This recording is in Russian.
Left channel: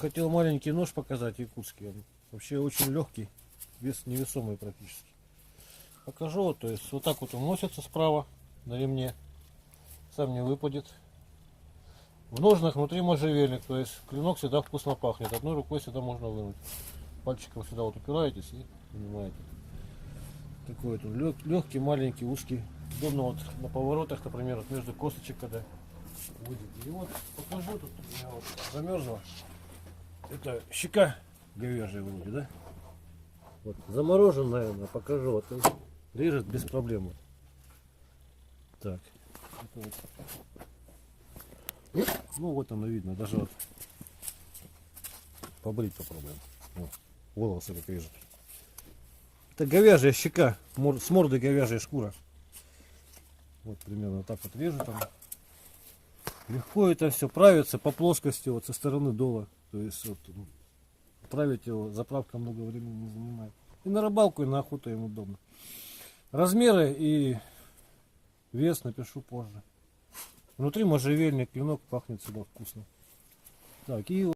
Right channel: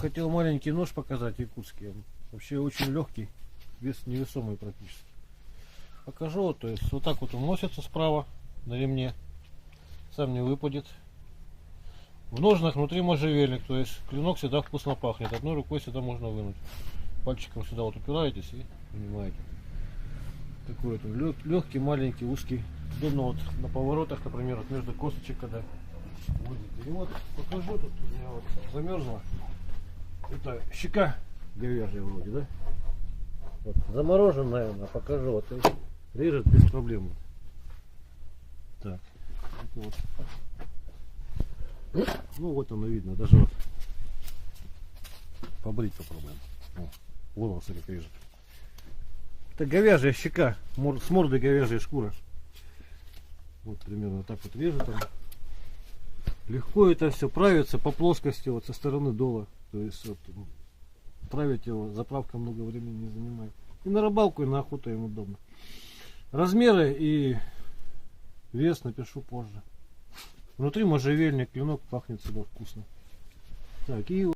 хотел маленький нож показать якутский. Он вообще очень легкий, вес невесомый практически. Покажу, то есть вот так вот он носится справа на ремне, сам не выпадет. В ножнах внутри можжевельник, то есть клинок всегда вкусно пахнет. Одной рукой всегда можно вынуть. Пальчиком сюда вот упираетесь и вынимаете. Такой вот легкий, маленький, узкий. Удобно вот на поворотах, например, вот между косточек, когда возите. И вот покажу, тут у меня вот замерзла. Это щека говяжья вроде, да? Вот, заморожен, наверное, покажу. Вот, режет без проблем. Так. Вот. Ну вот оно видно, даже вот побрить попробуем. Вот, волосы как режет. Это говяжья щека, с мордой говяжья шкура. Вот примерно так вот режут он. Легко это все правится по плоскости, вот со стороны дола. То есть вот, править его, заправка много времени не занимает. И на рыбалку, и на охоту им удобно. Размеры и вес напишу позже. Внутри можжевельник, клинок, пахнет всегда вкусно. Так, и